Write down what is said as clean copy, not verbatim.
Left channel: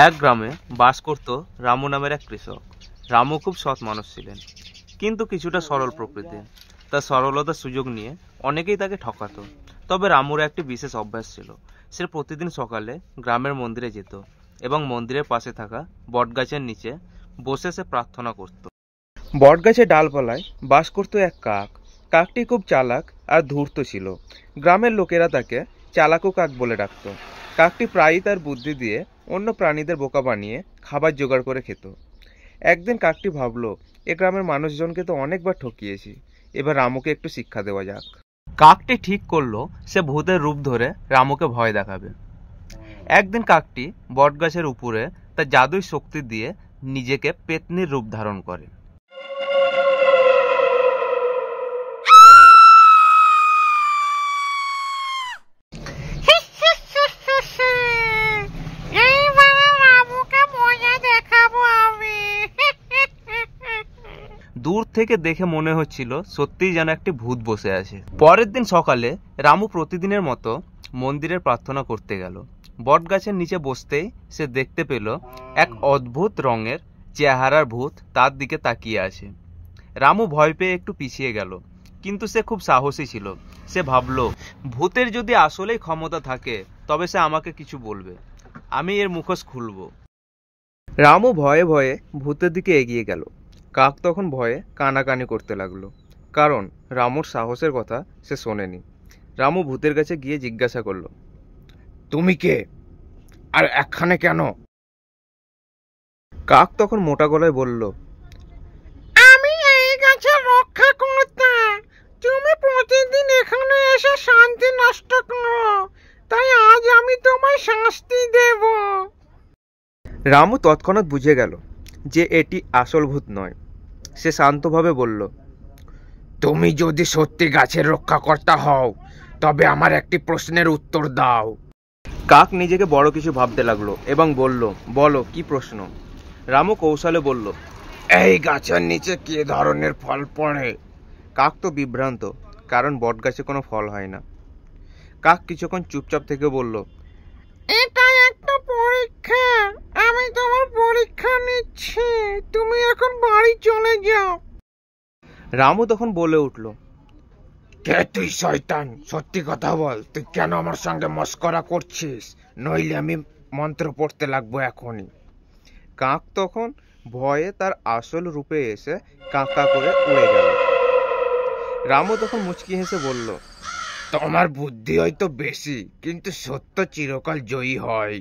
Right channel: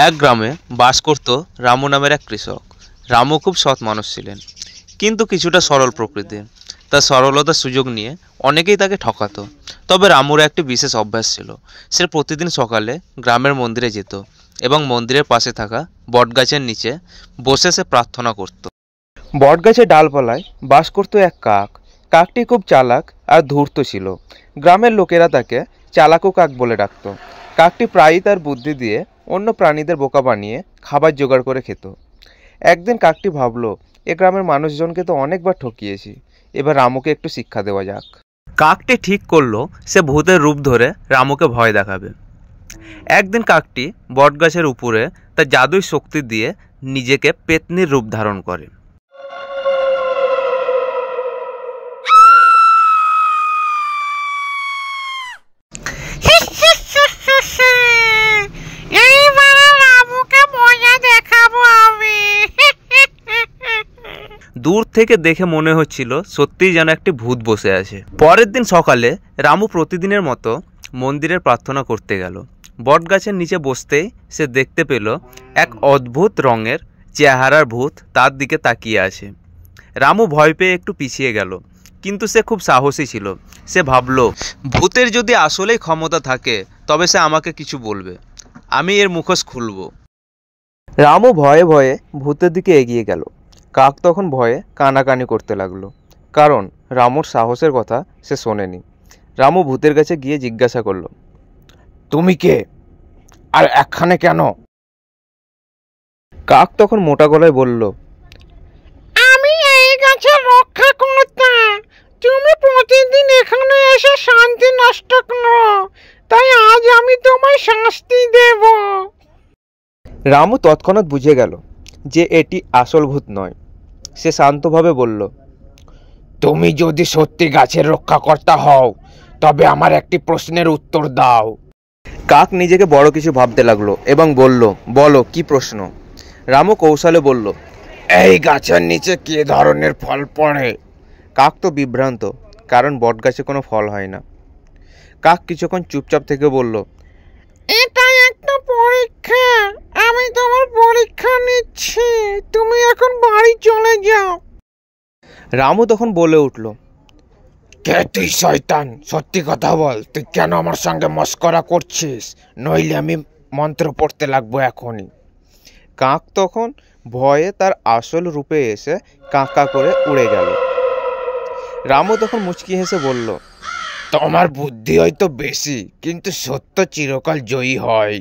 এক গ্রামে বাস করত রামু নামের এক কৃষক। রামু খুব সৎ মানুষ ছিলেন, কিন্তু কিছুটা সরল প্রকৃতির। তার সরলতার সুযোগ নিয়ে অনেকেই তাকে ঠকাতো। তবে রামুর একটি বিশেষ অভ্যাস ছিল। সে প্রতিদিন সকালে গ্রামের মন্দিরে যেত এবং মন্দিরের পাশে থাকা বটগাছের নিচে বসে সে প্রার্থনা করত। বটগাছের ডালপালায় বাস করত এক কাক। কাকটি খুব চালাক আর ধূর্ত ছিল। গ্রামের লোকেরা তাকে চালাকু কাক বলে ডাকত। কাকটি প্রায়ই তার বুদ্ধি দিয়ে অন্য প্রাণীদের বোকা বানিয়ে খাবার জোগাড় করে খেত। একদিন কাকটি ভাবল, এ গ্রামের মানুষজনকে তো অনেকবার ঠকিয়েছি, এবার রামুকে একটু শিক্ষা দেওয়া যাক। কাকটি ঠিক করলো সে ভূতের রূপ ধরে রামুকে ভয় দেখাবে। একদিন কাকটি বটগাছের উপরে তার জাদুই শক্তি দিয়ে নিজেকে পেতনির রূপ ধারণ করে। দূর থেকে দেখে মনে হচ্ছিল সত্যিই যেন একটি ভূত বসে আছে। পরের দিন সকালে রামু প্রতিদিনের মতো মন্দিরের প্রার্থনা করতে গেল। বটগাছের নিচে বসতেই সে দেখতে পেল এক অদ্ভুত রঙের চেহারার ভূত তার দিকে তাকিয়ে আছে। রামু ভয় পেয়ে একটু পিছিয়ে গেল, কিন্তু সে খুব সাহসী ছিল। সে ভাবল, ভূতের যদি আসলেই ক্ষমতা থাকে তবে সে আমাকে কিছু বলবে, আমি এর মুখোশ খুলব। রামু ভয়ে ভয়ে ভূতের দিকে এগিয়ে গেল। কাক তখন ভয়ে কানাকানি করতে লাগলো, কারণ রামুর সাহসের কথা সে শোনেনি। রামু ভূতের কাছে গিয়ে জিজ্ঞাসা করলো, তুমি কে আর এখানে কেন? কাক তখন মোটা গলায় বলল, আমি এই গাছের রক্ষা করতাম। তুমি প্রতিদিন এখানে এসে শান্তি নষ্ট করো, তাই আজ আমি তোমায় শাস্তি দেব। রামু তৎক্ষণাৎ বুঝে গেল যে এটি আসল ভূত নয়। সে শান্তভাবে বলল, তুমি যদি সত্যি গাছের রক্ষাকর্তা হও তবে আমার একটি প্রশ্নের উত্তর দাও। কাক নিজেকে বড় কিছু ভাবতে লাগলো এবং বলল, বলো কি প্রশ্ন? রামু কৌশলে বলল, এই গাছের নিচে কি ধরনের ফল পড়ে? কাক তো বিভ্রান্ত, কারণ বটগাছে কোনো ফল হয় না। কাক কিছুক্ষণ চুপচাপ থেকে বলল, এটা একটা পরীক্ষা, আমি তোমার পরীক্ষা নিচ্ছি, তুমি এখন বাড়ি চলে যাও। রামু তখন বলে উঠল, কে তুই শয়তান? সত্যি কথা বল, তুই কেন আমার সঙ্গে মস্করা করছিস? নইলে আমি মন্ত্র পড়তে লাগবো এখনই। কাক তখন ভয়ে তার আসল রূপে এসে কাঁকা করে উড়ে গেল। রামু তখন মুচকি হেসে বলল, তোমার বুদ্ধি হয়তো বেশি, কিন্তু সত্য চিরকাল জয়ী হয়।